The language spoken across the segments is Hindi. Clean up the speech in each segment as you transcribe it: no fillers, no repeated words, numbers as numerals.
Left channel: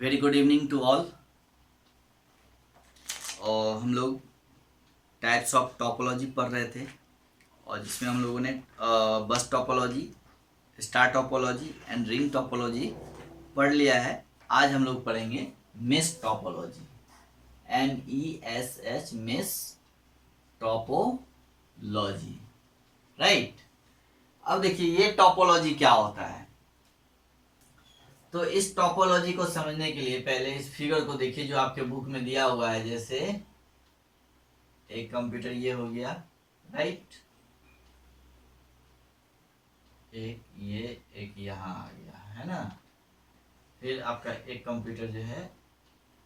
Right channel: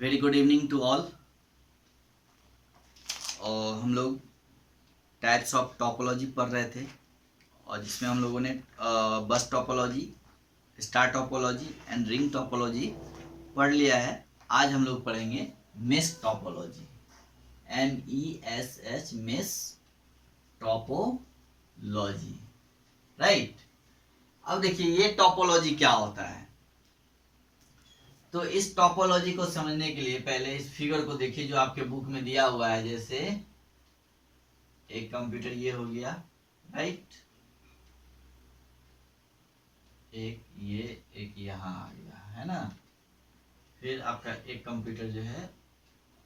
Very good evening to all. और हम लोग टाइप्स ऑफ टोपोलॉजी पढ़ रहे थे और जिसमें हम लोगों ने बस topology, star topology and ring topology पढ़ लिया है। आज हम लोग पढ़ेंगे mesh topology, MESH, mesh topology, right. अब देखिए ये टोपोलॉजी क्या होता है। तो इस टोपोलॉजी को समझने के लिए पहले इस फिगर को देखिए जो आपके बुक में दिया हुआ है। जैसे एक कंप्यूटर ये हो गया, राइट, एक ये, एक यहाँ आ गया, है ना। फिर आपका एक कंप्यूटर जो है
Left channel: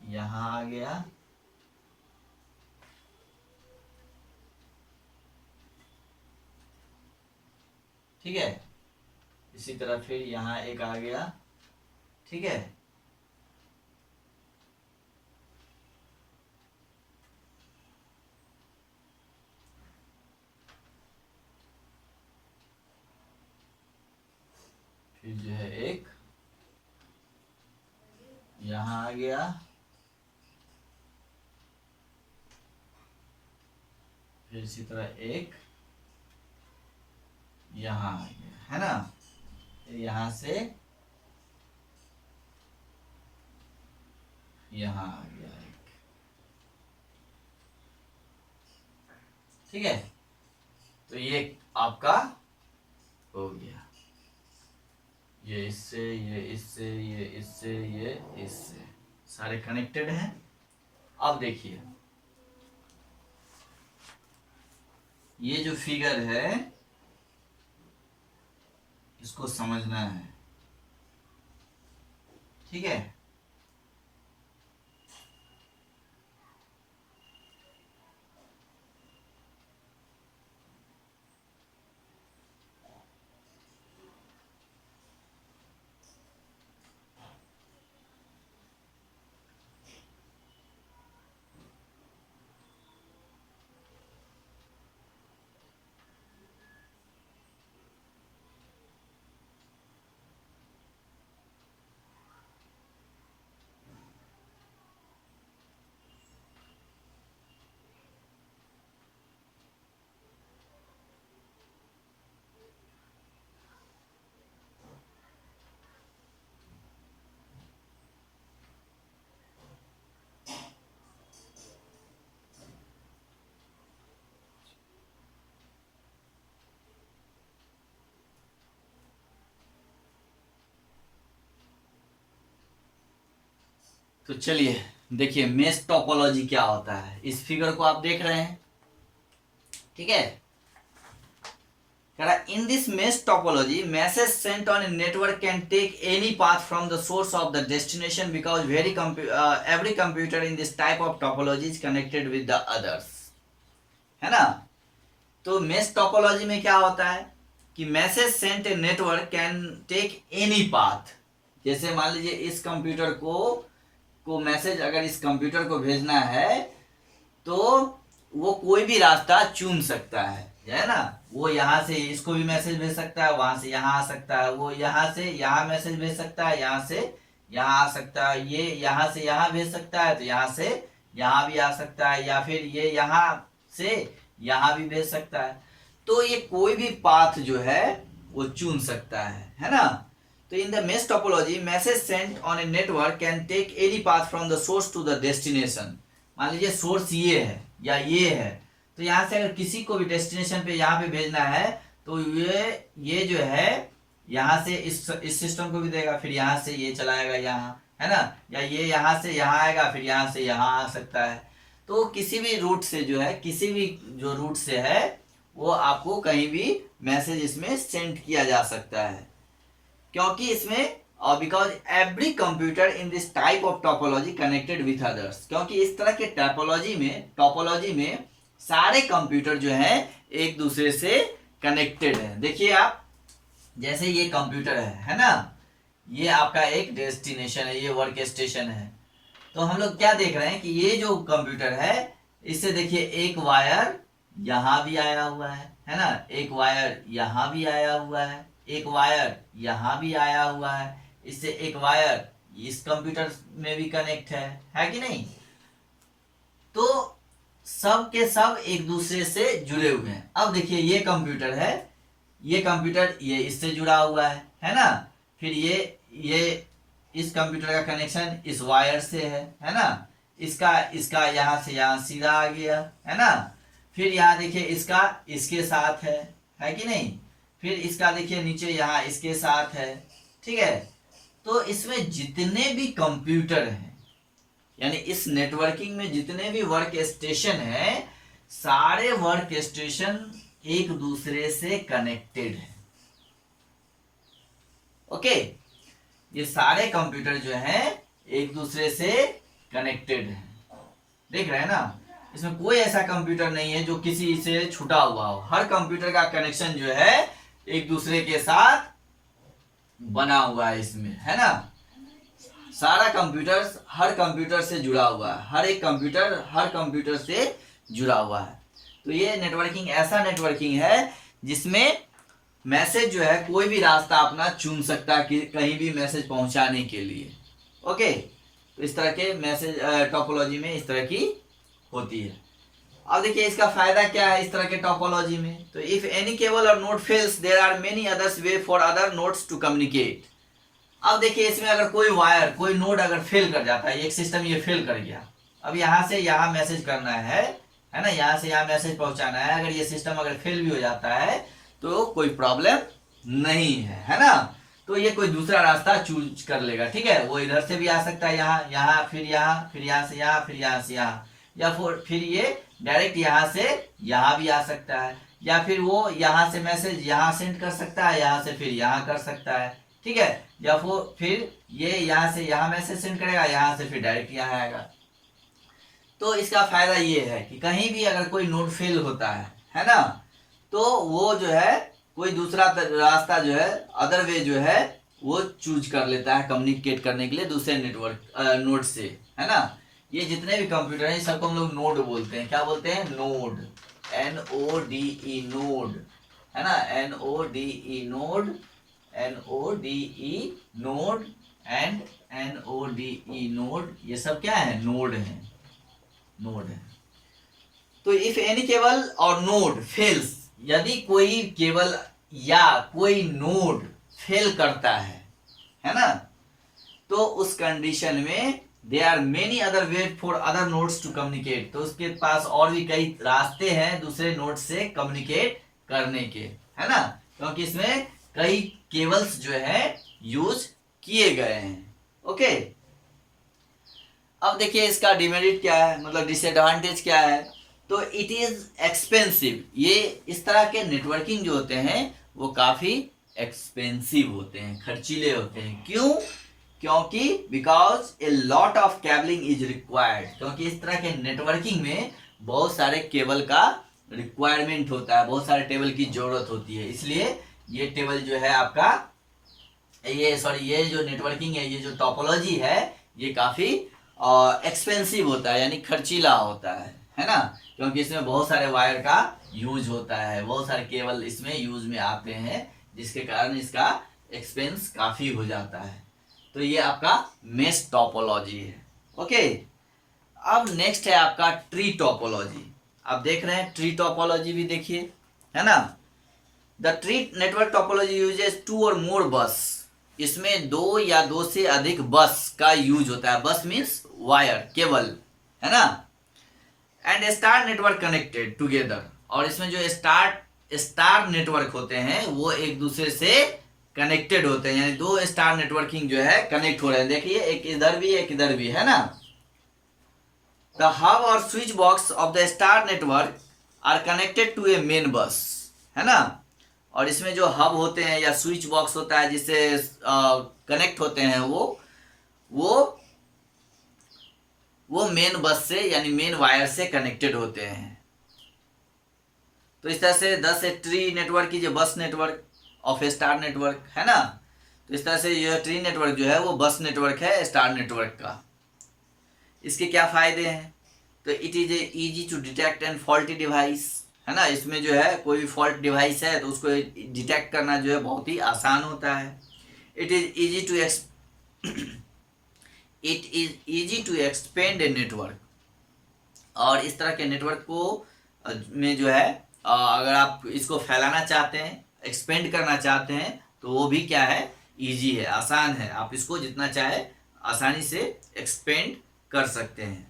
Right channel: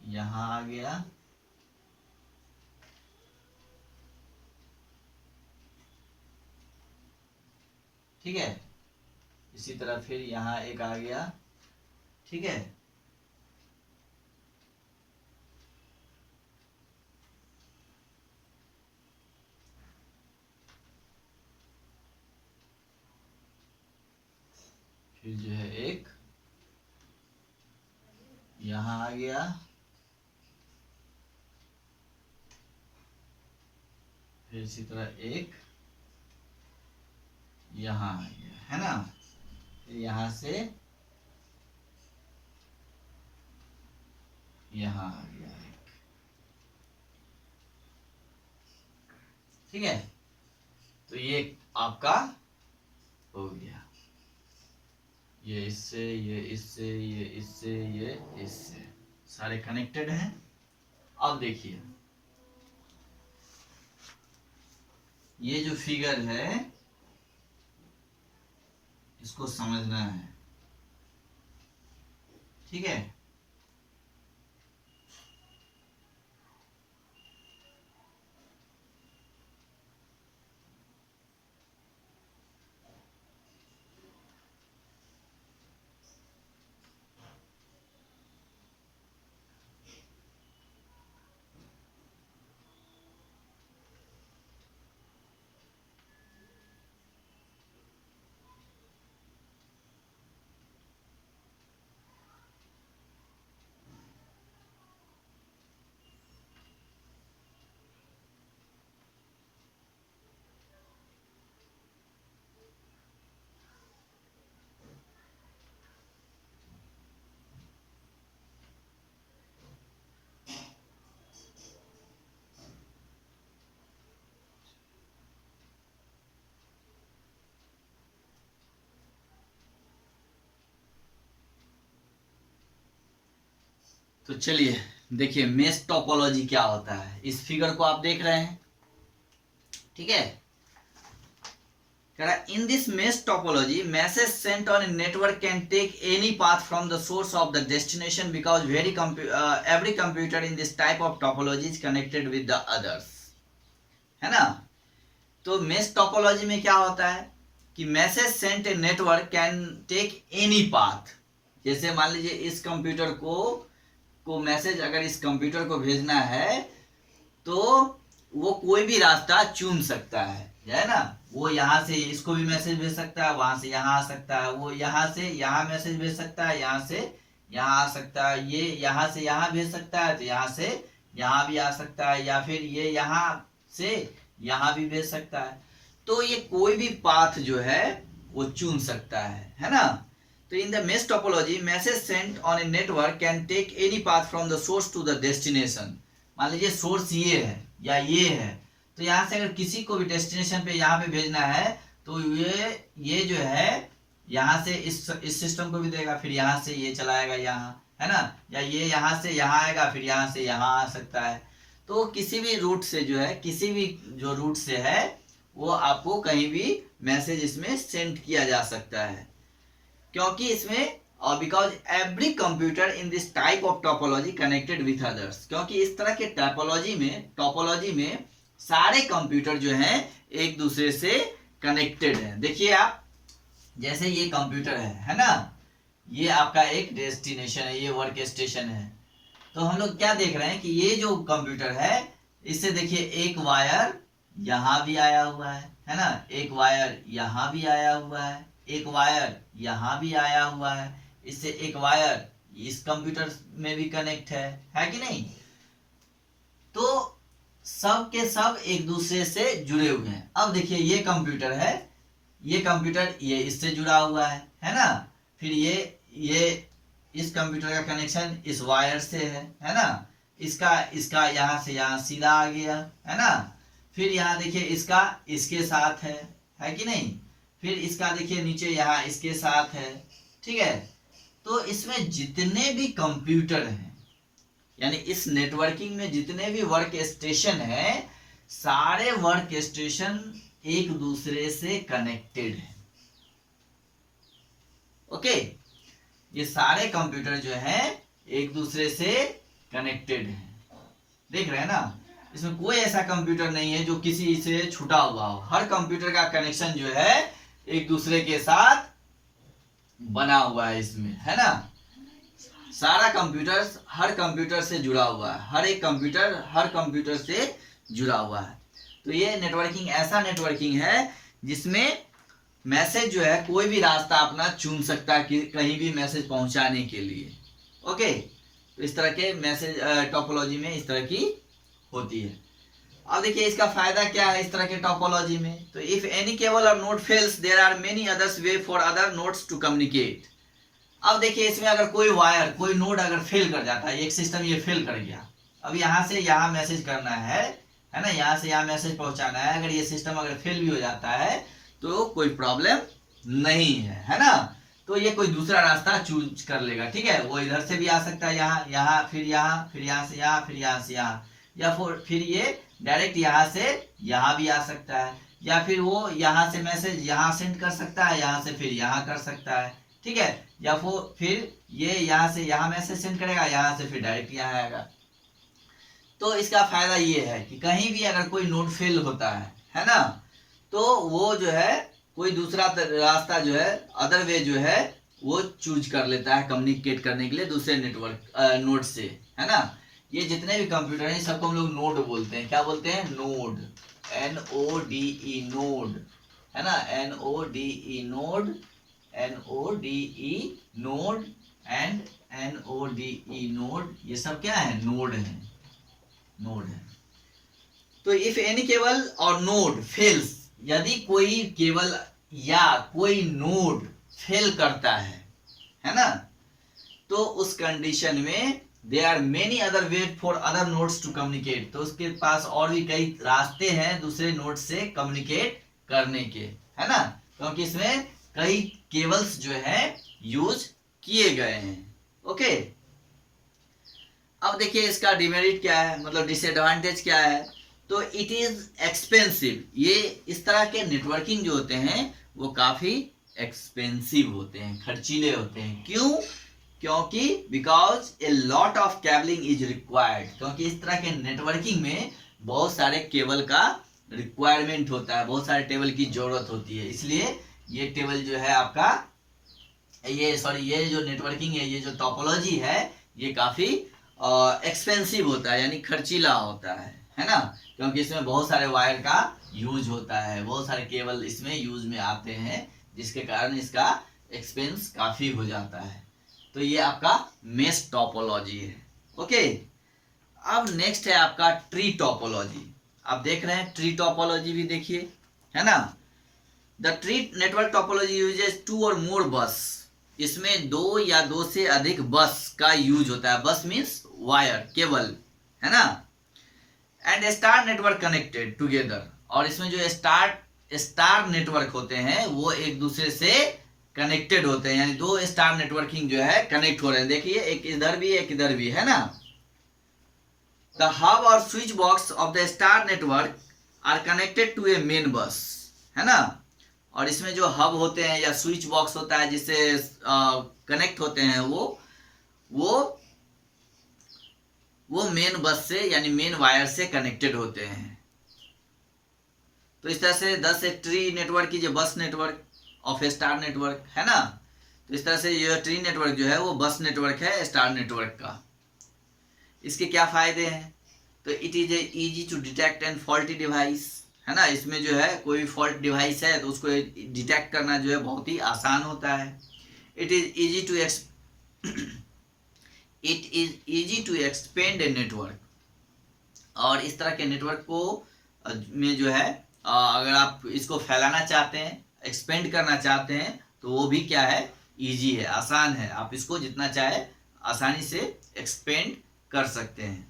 यहाँ आ गया, ठीक है। इसी तरह फिर यहाँ एक आ गया, ठीक है। फिर जो है एक यहाँ आ गया, फिर इसी तरह एक यहाँ आ गया, है ना। फिर यहाँ से यहाँ आ गया एक, ठीक है। तो ये आपका हो गया, ये इससे, ये इससे, ये इससे, ये इससे, सारे कनेक्टेड हैं। अब देखिए ये जो फिगर है इसको समझना है, ठीक है। तो चलिए देखिए मेश टोपोलॉजी क्या होता है। इस फिगर को आप देख रहे हैं, ठीक है। In this mesh topology, message sent on a network can take any path from the source of the destination because every computer in this type of topology is connected with the others, है ना। तो मेश टोपोलॉजी में क्या होता है कि message sent a network can take any path. जैसे मान लीजिए इस कंप्यूटर को मैसेज अगर इस कंप्यूटर को भेजना है तो वो कोई भी रास्ता चुन सकता है ना। वो यहाँ से इसको भी मैसेज भेज सकता है, वहां से यहाँ आ सकता है, वो यहाँ से यहाँ मैसेज भेज सकता है, यहाँ से यहाँ आ सकता है, ये यहाँ से यहाँ भेज सकता है तो यहाँ से यहाँ भी आ सकता है, या फिर ये यहाँ से यहाँ भी भेज सकता है। तो ये कोई भी पाथ जो है वो चुन सकता है ना। तो in the mesh topology message sent on a network can take any path from the source to the destination. मान लीजिए सोर्स ये है या ये है, तो यहाँ से अगर किसी को भी डेस्टिनेशन पे यहाँ पे भेजना है तो ये जो है यहाँ से इस सिस्टम को भी देगा, फिर यहाँ से ये चलाएगा यहाँ, है ना। या ये यहाँ से यहाँ आएगा, फिर यहाँ से यहाँ आ सकता है। तो किसी भी रूट से जो है, किसी भी जो रूट से है वो आपको कहीं भी मैसेज इसमें सेंड किया जा सकता है, क्योंकि इसमें because every computer in this type of topology connected with others. क्योंकि इस तरह के टोपोलॉजी में सारे कंप्यूटर जो हैं एक दूसरे से कनेक्टेड हैं। देखिए आप, जैसे ये कंप्यूटर है ना, ये आपका एक डेस्टिनेशन है, ये वर्क स्टेशन है। तो हम लोग क्या देख रहे हैं कि ये जो कंप्यूटर है इससे देखिए एक वायर यहाँ भी आया हुआ है ना, एक वायर यहाँ भी आया हुआ है, एक वायर यहाँ भी आया हुआ है, इससे एक वायर इस कंप्यूटर में भी कनेक्ट है कि नहीं। तो सब के सब एक दूसरे से जुड़े हुए हैं। अब देखिए ये कंप्यूटर है, ये कंप्यूटर ये इससे जुड़ा हुआ है ना। फिर ये इस कंप्यूटर का कनेक्शन इस वायर से है ना। इसका यहाँ से यहाँ सीधा आ गया है ना। फिर यहाँ देखिए इसका इसके साथ है कि नहीं। फिर इसका देखिए नीचे यहाँ इसके साथ है, ठीक है। तो इसमें जितने भी कंप्यूटर हैं, यानी इस नेटवर्किंग में जितने भी वर्क स्टेशन है, सारे वर्क स्टेशन एक दूसरे से कनेक्टेड है। ओके, ये सारे कंप्यूटर जो हैं एक दूसरे से कनेक्टेड है। देख रहे हैं ना, इसमें कोई ऐसा कंप्यूटर नहीं है जो किसी से छूटा हुआ हो। हर कंप्यूटर का कनेक्शन जो है एक दूसरे के साथ बना हुआ है इसमें, है ना। सारा कंप्यूटर हर कंप्यूटर से जुड़ा हुआ है, हर एक कंप्यूटर हर कंप्यूटर से जुड़ा हुआ है। तो ये नेटवर्किंग ऐसा नेटवर्किंग है जिसमें मैसेज जो है कोई भी रास्ता अपना चुन सकता है कि कहीं भी मैसेज पहुंचाने के लिए। ओके, तो इस तरह के मैसेज टोपोलॉजी में इस तरह की होती है। अब देखिए इसका फायदा क्या है इस तरह के टोपोलॉजी में। तो इफ एनी केबल और node fails there are many others way for other nodes to communicate. अब देखिए इसमें अगर कोई वायर कोई नोड अगर फेल कर जाता है, एक सिस्टम ये फेल कर गया, अब यहाँ से यहाँ मैसेज करना है ना, यहाँ से यहाँ मैसेज पहुंचाना है। अगर ये सिस्टम अगर फेल भी हो जाता है तो कोई प्रॉब्लम नहीं है ना। तो ये कोई दूसरा रास्ता चूज कर लेगा, ठीक है। वो इधर से भी आ सकता है, यहाँ फिर यहाँ से यहाँ, फिर यहाँ से यहाँ, या फिर ये डायरेक्ट यहाँ से यहाँ भी आ सकता है, या फिर वो यहाँ से मैसेज यहाँ सेंड कर सकता है, यहाँ से फिर यहाँ कर सकता है, ठीक है। या फिर ये यहाँ से यहाँ मैसेज सेंड करेगा, यहाँ से फिर डायरेक्ट यहाँ आएगा। तो इसका फायदा ये है कि कहीं भी अगर कोई नोड फेल होता है ना, तो वो जो है कोई दूसरा रास्ता जो है अदर वे जो है वो चूज कर लेता है कम्युनिकेट करने के लिए दूसरे नेटवर्क नोड से, है ना। ये जितने भी कंप्यूटर हैं सबको हम लोग नोड बोलते हैं। क्या बोलते हैं? नोड, NODE नोड, है ना। NODE node, NODE node and NODE node, ये सब क्या है? नोड है, नोड है। तो इफ एनी केबल और नोड फेल्स, यदि कोई केबल या कोई नोड फेल करता है ना, तो उस कंडीशन में there are many other ways for other nodes to communicate। तो उसके पास और भी कई रास्ते हैं दूसरे नोड से कम्युनिकेट करने के, है ना, क्योंकि इसमें कई केबल्स जो है यूज किए गए हैं। ओके, अब देखिए इसका डिमेरिट क्या है, मतलब डिसएडवांटेज क्या है। तो इट इज एक्सपेंसिव। ये इस तरह के नेटवर्किंग जो होते हैं वो काफी एक्सपेंसिव होते हैं, खर्चीले होते हैं। क्यों? क्योंकि because a lot of cabling is required. क्योंकि इस तरह के नेटवर्किंग में बहुत सारे केबल का रिक्वायरमेंट होता है, बहुत सारे टेबल की जरूरत होती है। इसलिए ये टेबल जो है आपका ये जो नेटवर्किंग है, ये जो टोपोलॉजी है, ये काफी एक्सपेंसिव होता है, यानी खर्चीला होता है ना। क्योंकि इसमें बहुत सारे वायर का यूज होता है, बहुत सारे केबल इसमें यूज में आते हैं, जिसके कारण इसका एक्सपेंस काफी हो जाता है। तो ये आपका मेश टोपोलॉजी है। ओके, अब नेक्स्ट है आपका ट्री टोपोलॉजी। आप देख रहे हैं ट्री टोपोलॉजी भी देखिए, है ना। The tree network topology uses 2 और मोर बस। इसमें 2 या 2 से अधिक बस का यूज होता है। बस मीन्स वायर, केबल, है ना। And star network connected together. और इसमें जो स्टार नेटवर्क होते हैं वो एक दूसरे से कनेक्टेड होते हैं, यानी 2 स्टार नेटवर्किंग जो है कनेक्ट हो रहे हैं। देखिए एक इधर भी एक इधर भी, है ना। द हब और switch box of the star network are connected to a main bus, है ना। और इसमें जो हब होते हैं या स्विच बॉक्स होता है जिससे कनेक्ट होते हैं वो मेन बस से यानी मेन वायर से कनेक्टेड होते हैं। तो इस तरह से 10 ट्री नेटवर्क की जो बस network of A star network, है ना। तो इस तरह से ये ट्री नेटवर्क जो है वो बस नेटवर्क है स्टार नेटवर्क का। इसके क्या फायदे हैं? तो it is easy to detect and faulty device, है ना। इसमें जो है कोई फॉल्ट डिवाइस है तो उसको डिटेक्ट करना जो है बहुत ही आसान होता है। It is easy to it is easy to expand a network. और इस तरह के नेटवर्क को में जो है अगर आप इसको फैलाना चाहते हैं, एक्सपेंड करना चाहते हैं, तो वो भी क्या है, इजी है, आसान है। आप इसको जितना चाहे आसानी से एक्सपेंड कर सकते हैं।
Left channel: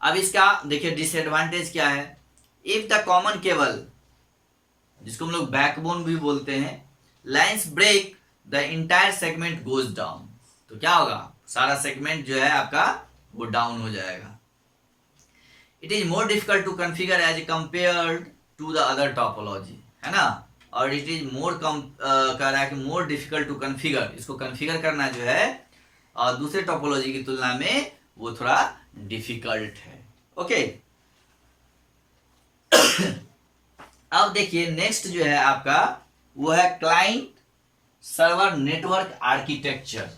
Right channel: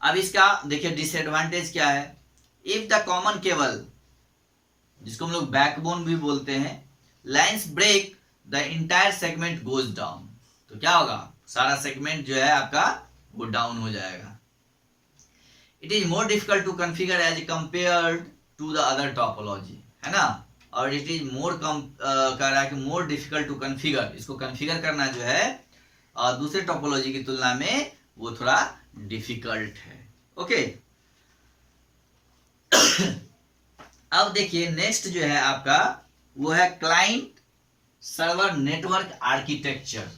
अब इसका देखिए डिसएडवांटेज क्या है। इफ द कॉमन केबल, जिसको हम लोग बैकबोन भी बोलते हैं, lines break the entire segment goes down, तो क्या होगा, सारा सेगमेंट जो है आपका वो डाउन हो जाएगा। It is more difficult to configure as compared to the other topology, है ना। और इट इज मोर कह रहा है कि मोर डिफिकल्ट टू कॉन्फ़िगर, इसको कॉन्फ़िगर करना जो है दूसरे टोपोलॉजी की तुलना में वो थोड़ा डिफिकल्ट है। ओके अब देखिए नेक्स्ट जो है आपका वो है क्लाइंट सर्वर नेटवर्क आर्किटेक्चर।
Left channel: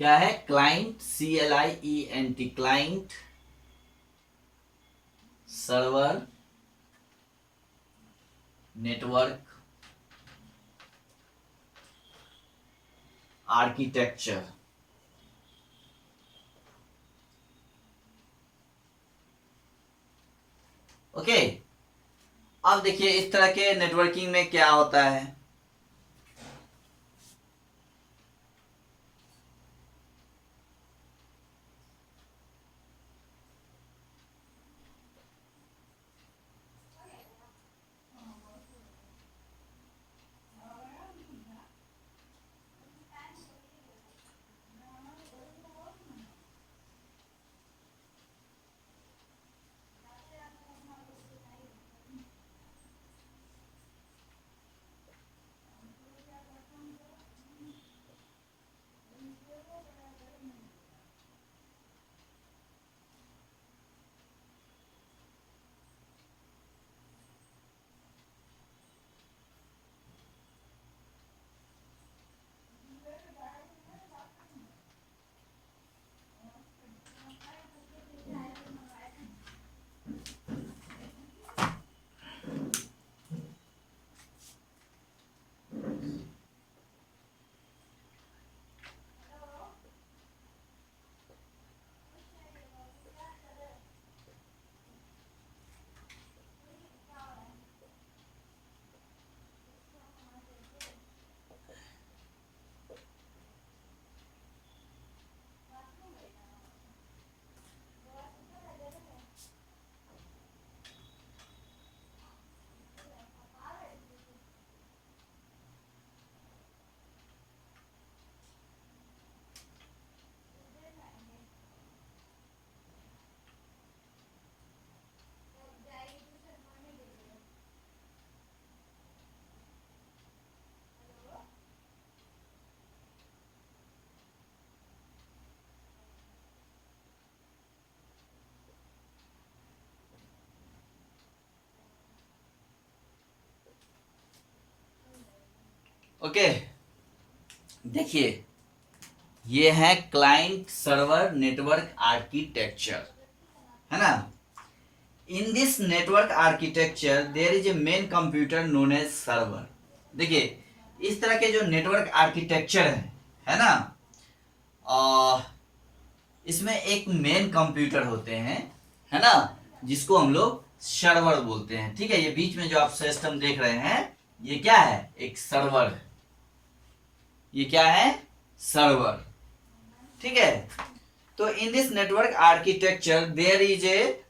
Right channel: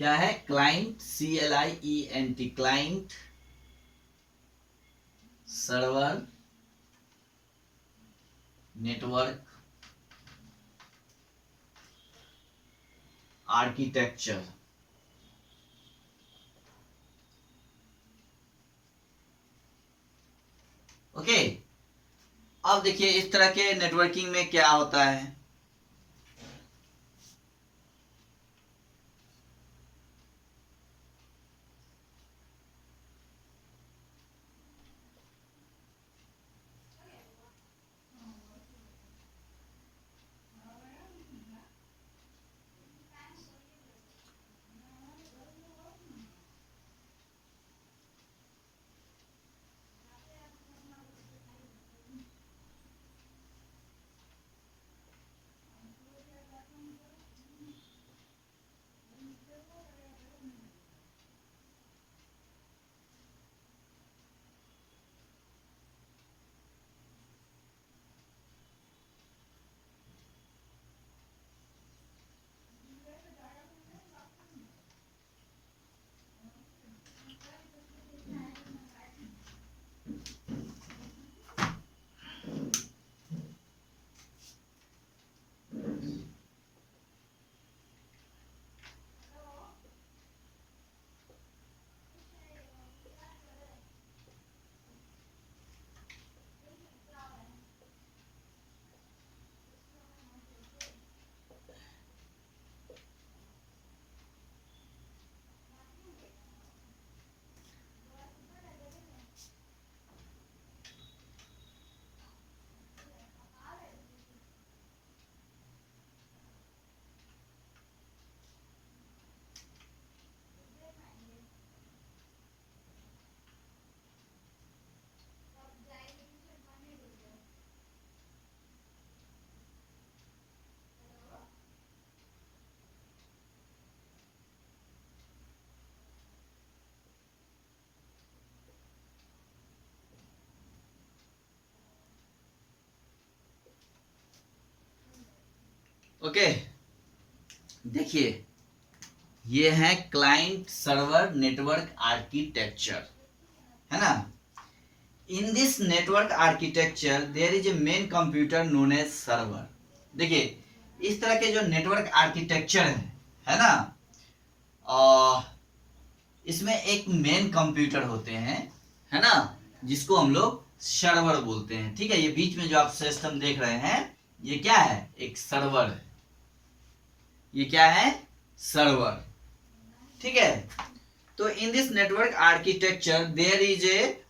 क्या है client, CLIENT, client server network architecture. Okay अब देखिए इस तरह के नेटवर्किंग में क्या होता है। ओके देखिए ये है क्लाइंट सर्वर नेटवर्क आर्किटेक्चर, है ना। In this network architecture there is a main computer known as server. देखिए इस तरह के जो नेटवर्क आर्किटेक्चर है ना, इसमें एक मेन कंप्यूटर होते हैं, है ना, जिसको हम लोग सर्वर बोलते हैं। ठीक है, ये बीच में जो आप सिस्टम देख रहे हैं ये क्या है, एक सर्वर है। ये क्या है, सर्वर। ठीक है, तो in this network architecture there is a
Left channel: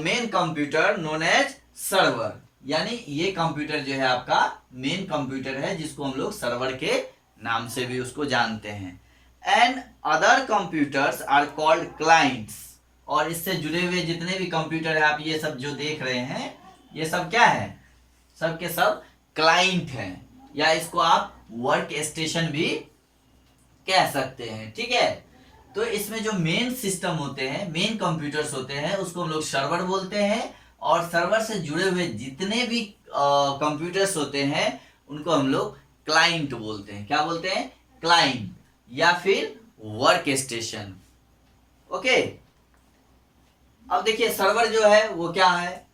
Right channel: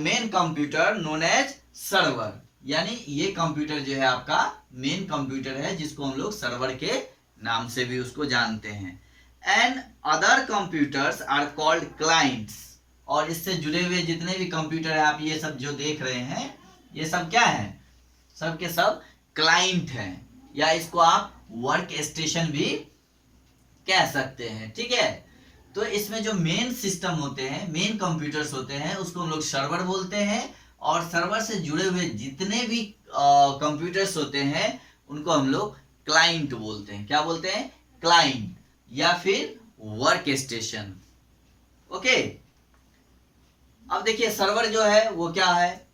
main computer known as server, यानी ये कंप्यूटर जो है आपका मेन कंप्यूटर है, जिसको हम लोग सर्वर के नाम से भी उसको जानते हैं। And other computers are called clients, और इससे जुड़े हुए जितने भी कंप्यूटर है आप ये सब जो देख रहे हैं ये सब क्या है, सब के सब क्लाइंट हैं, या इसको आप वर्क स्टेशन भी कह सकते हैं। ठीक है, तो इसमें जो मेन सिस्टम होते हैं, मेन कंप्यूटर्स होते हैं, उसको हम लोग सर्वर बोलते हैं। और सर्वर से जुड़े हुए जितने भी कंप्यूटर्स होते हैं उनको हम लोग क्लाइंट बोलते हैं। क्या बोलते हैं, क्लाइंट या फिर वर्क स्टेशन। ओके अब देखिए सर्वर जो है वो क्या है,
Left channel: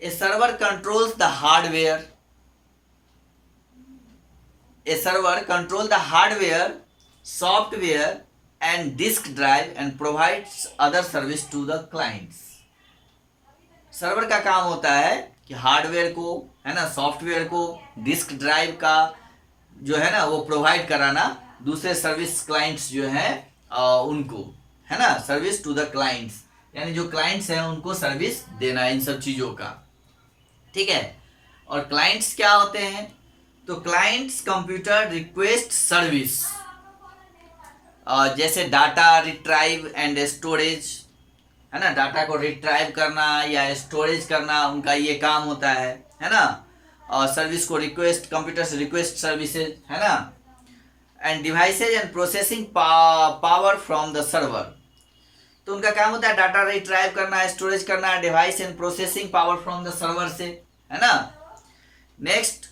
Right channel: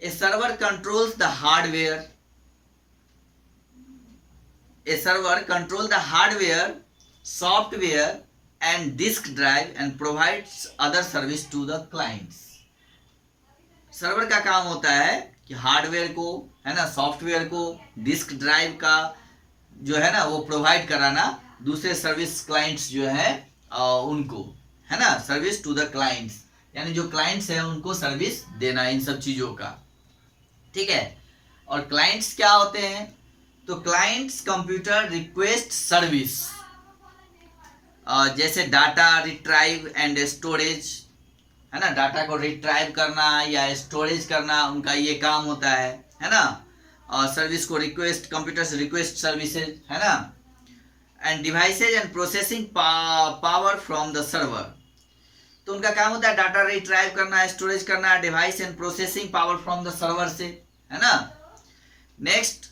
a server controls the hardware, a server control the hardware, software and disk drive and provides other service to the clients. Server का काम होता है कि हार्डवेयर को, है ना, सॉफ्टवेयर को, डिस्क ड्राइव का जो है ना वो प्रोवाइड कराना दूसरे सर्विस क्लाइंट्स जो है उनको, है ना, सर्विस टू द क्लाइंट्स, यानी जो क्लाइंट्स हैं उनको सर्विस देना इन सब चीज़ों का, ठीक है। और क्लाइंट्स क्या होते हैं, तो क्लाइंट्स कंप्यूटर रिक्वेस्ट सर्विस, जैसे डाटा रिट्राइव एंड स्टोरेज, है ना, डाटा को रिट्राइव करना या स्टोरेज करना उनका ये काम होता है ना। और सर्विस को रिक्वेस्ट, कंप्यूटर से रिक्वेस्ट सर्विसेज, है ना। And devices and processing power from the server, तो उनका काम होता है डाटा रिट्राइव करना, स्टोरेज करना, device and processing power from the server से, है ना। Next,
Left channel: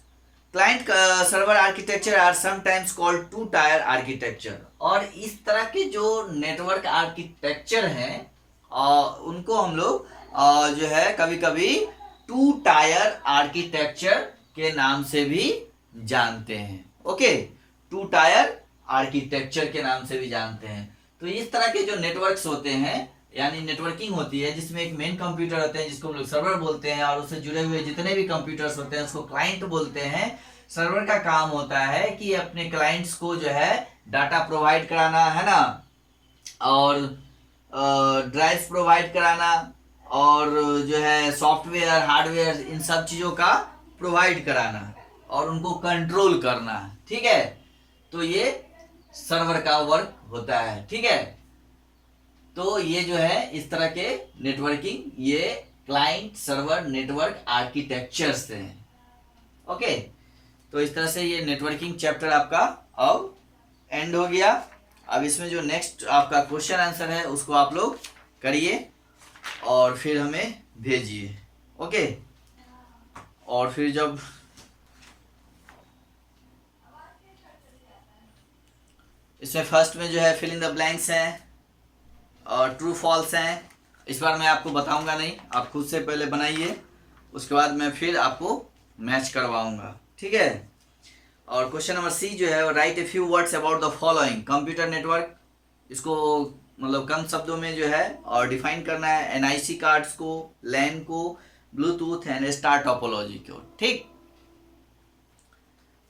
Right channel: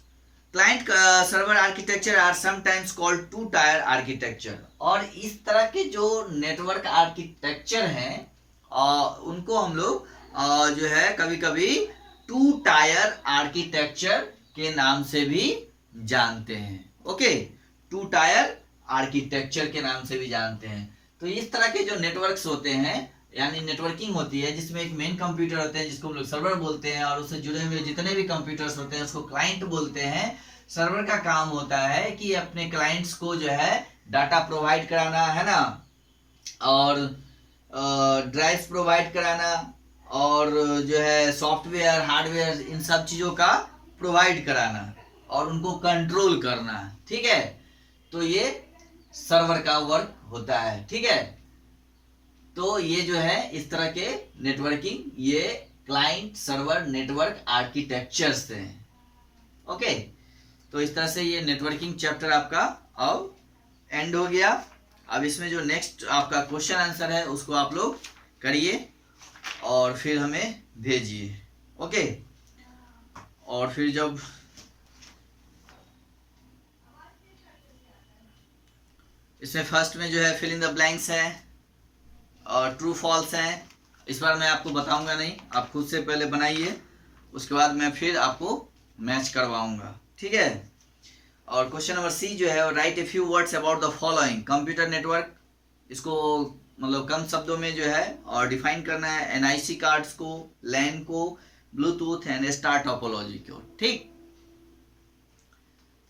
client server architecture are sometimes called two tier architecture, और इस तरह के जो नेटवर्क आर्किटेक्चर हैं उनको हम लोग जो है कभी कभी टू टायर आर्किटेक्चर के नाम से भी जानते हैं। ओके, टू टायर आर्किटेक्चर के नाम से भी जानते हैं। तो इस तरह के जो नेटवर्क्स होते हैं, यानी नेटवर्किंग होती है जिसमें एक मेन कंप्यूटर होते हैं जिसको हम लोग सर्वर बोलते हैं, और उससे जुड़े हुए जितने भी कंप्यूटर्स होते हैं उसको क्लाइंट बोलते हैं। सर्वर का काम होता है कि अपने क्लाइंट्स को जो है डाटा प्रोवाइड कराना, है ना, और ड्राइव्स प्रोवाइड कराना, और जो है सॉफ्टवेयर, हार्डवेयर, इन सब चीज़ों का प्रोवाइड कराना और उनको कंट्रोल करना, ठीक है। तो ये सर्वर का वर्क होता है, ठीक है। तो ये जो है इस तरह के नेटवर्किंग, ये क्लाइंट सर्वर नेटवर्क आर्किटेक्चर्स हैं। ओके, तो इस तरह से ये नेटवर्किंग चैप्टर आपका अब एंड हो गया। अब इसमें जो नेक्स्ट आपका क्वेश्चन आंसर है उसको आप लोग करिए और फिर हमें भेजिए। ओके, और फिर जब इसमें फर्स्ट में जो है फिल इन द ब्लैंक्स है और ट्रू फॉल्स है, इस बार मैं आपको बताऊंगा नहीं, आप खुद से पहले बनाइए, उसके बाद मैं फिर आपको मैच करवाऊंगा, ठीक है। और क्वेश्चन नंबर सी जो है, right a few words about the following. Computer network, इसको मतलब कम शब्दों में जो है और डिफाइन करना है। एनआईसी कार्ड्स को, लैन को, ब्लूटूथ एंड स्टार टोपोलॉजी को, ठीक।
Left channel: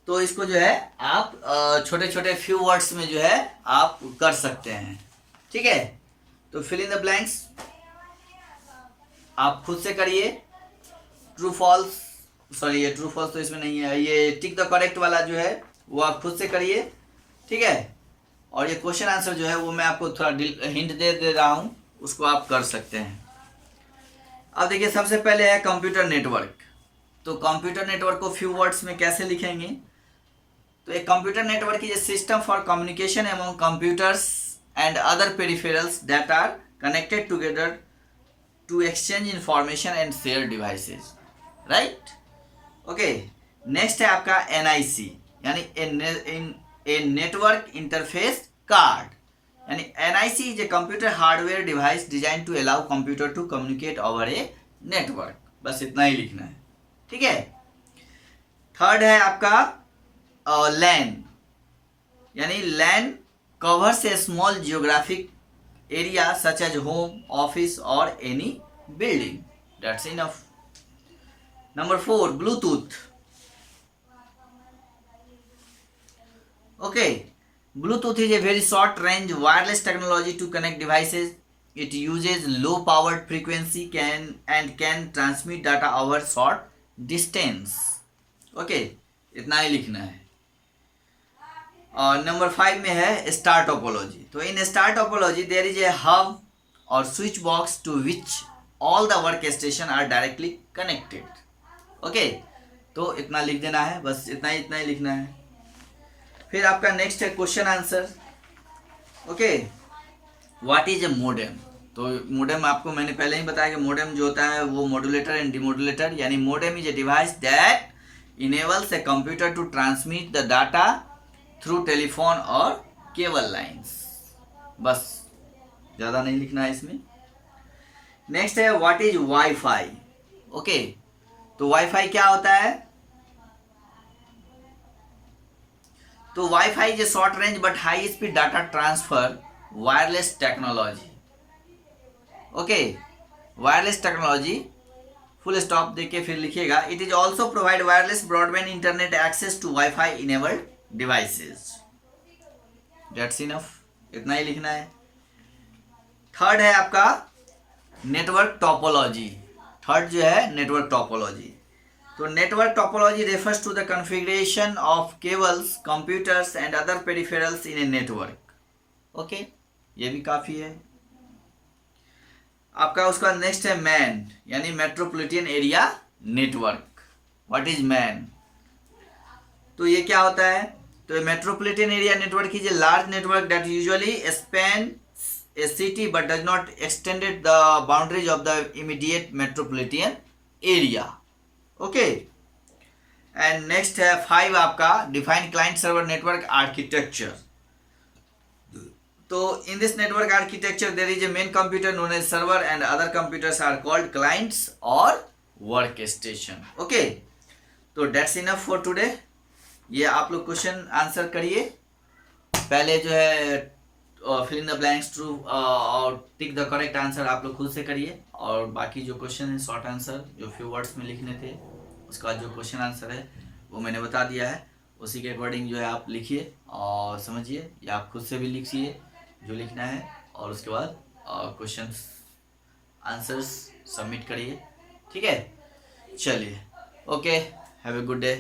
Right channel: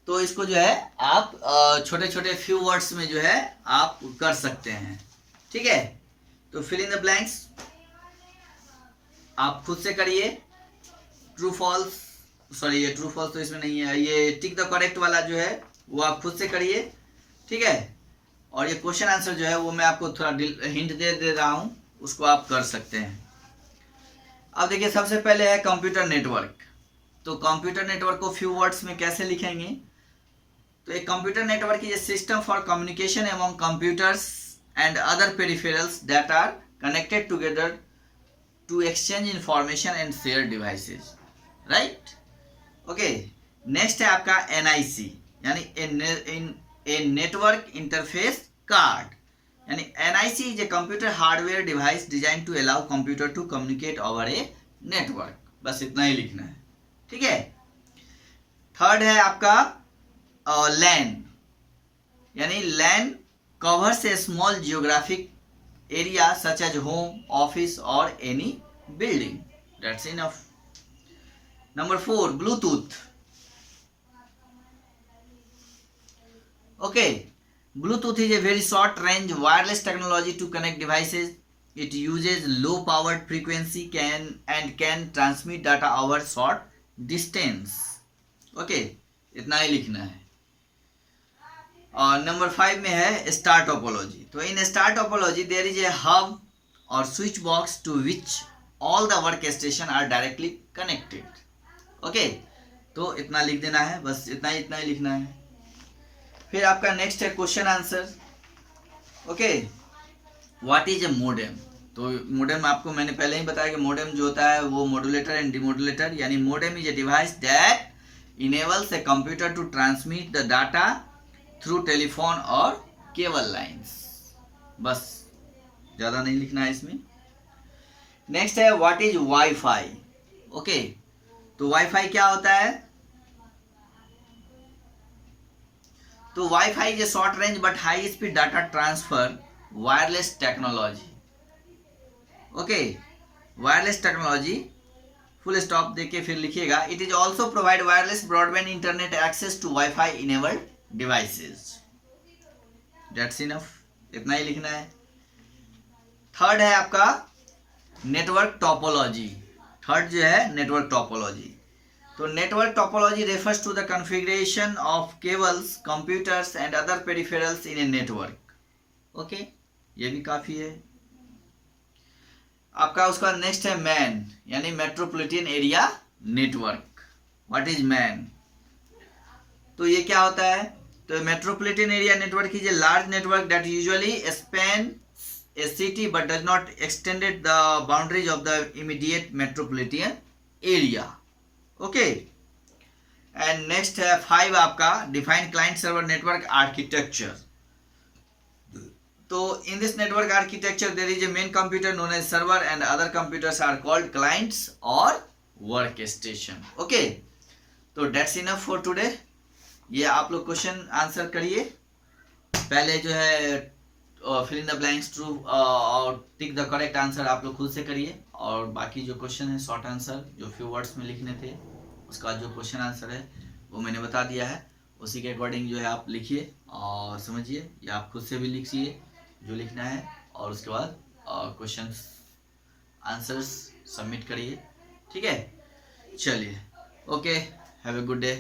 तो इसको जो है आप छोटे छोटे फ्यू वर्ड्स में जो है आप कर सकते हैं, ठीक है। तो फिल इन द ब्लैंक्स आप खुद से करिए। ट्रू फॉल्स, सॉरी ये ट्रू फॉल्स तो इसमें नहीं है, ये टिक द करेक्ट वाला जो है वो आप खुद से करिए, ठीक है। और ये क्वेश्चन आंसर जो है वो मैं आपको थोड़ा हिंट दे रहा हूँ, उसको आप कर सकते हैं। अब देखिए सबसे पहले है कंप्यूटर नेटवर्क। तो कंप्यूटर नेटवर्क को फ्यू वर्ड्स में कैसे लिखेंगे, तो एक computer network is a system for communication among computers and other peripherals that are connected together to exchange information and share devices, right. Okay, next है आपका एनआईसी, यानी ए नेटवर्क इंटरफेस कार्ड, यानी NIC is a computer hardware device design to allow computer to communicate over a network. बस इतना ही लिखना है, ठीक है। थर्ड है आपका लैन, यानी LAN covers a small geographic area such as home, office और any building, that's enough. Number 4, Bluetooth. Okay, Bluetooth is a very short range wireless technology to connect devices. It uses low powered frequency and can transmit data over short distance. Okay, इतना ही लिखना है। और नंबर 5 में है स्टार टोपोलॉजी। तो in star topology there is a hub और switch box to which all the work station are directly connected. Okay, तो इतना लिख देना है, बस इतना ही लिखना है। फिर आपका नेक्स्ट है question answer. Okay, what is a modem. तो मोडेम आपको मैंने पहले ही बताया कि मोडेम जो होता है वो मॉड्यूलेटर एंड डिमॉड्यूलेटर, यानी modem is a device that enables a computer to transmit the data through telephone और केबल लाइंस। बस ज़्यादा नहीं लिखना है इसमें। नेक्स्ट है व्हाट इज वाईफाई। ओके, तो वाईफाई क्या होता है? तो wifi is a short range but high speed data transfer wireless technology. Okay, wireless technology full stop देके फिर लिखिएगा। It is also provide wireless broadband internet access to wifi enabled devices. That's enough, इतना ही लिखना है। थर्ड है आपका नेटवर्क टोपोलॉजी। थर्ड जो है नेटवर्क टोपोलॉजी। तो network topology refers to the configuration of cables, computers and other peripherals in a network. Okay, ये भी काफ़ी है आपका। उसका नेक्स्ट है मैन, यानी metropolitan area network. What is man? तो ये क्या होता है? तो metropolitan area network is a large network that usually span a city but does not extended the boundaries of the immediate metropolitan area. Okay, and next है 5 आपका define client server network architecture. तो in this network architecture there is a main computer known as server and other computers are called clients or workstation. Okay, तो that's enough for today. ये आप लोग क्वेश्चन आंसर करिए। पहले जो है fill in the blanks true और टिक द करेक्ट आंसर आप लोग खुद से करिए, और बाकी जो क्वेश्चन है शॉर्ट आंसर जो फ्यू वर्ड्स में लिखने थे, उसका जो क्वेश्चन आंसर है वो मैंने बता दिया है, उसी के अकॉर्डिंग जो है आप लिखिए और समझिए, या आप खुद से भी लिखिए जो लिखना है, और उसके बाद क्वेश्चन आंसर्स सबमिट करिए। ठीक है, चलिए, okay, have a good day.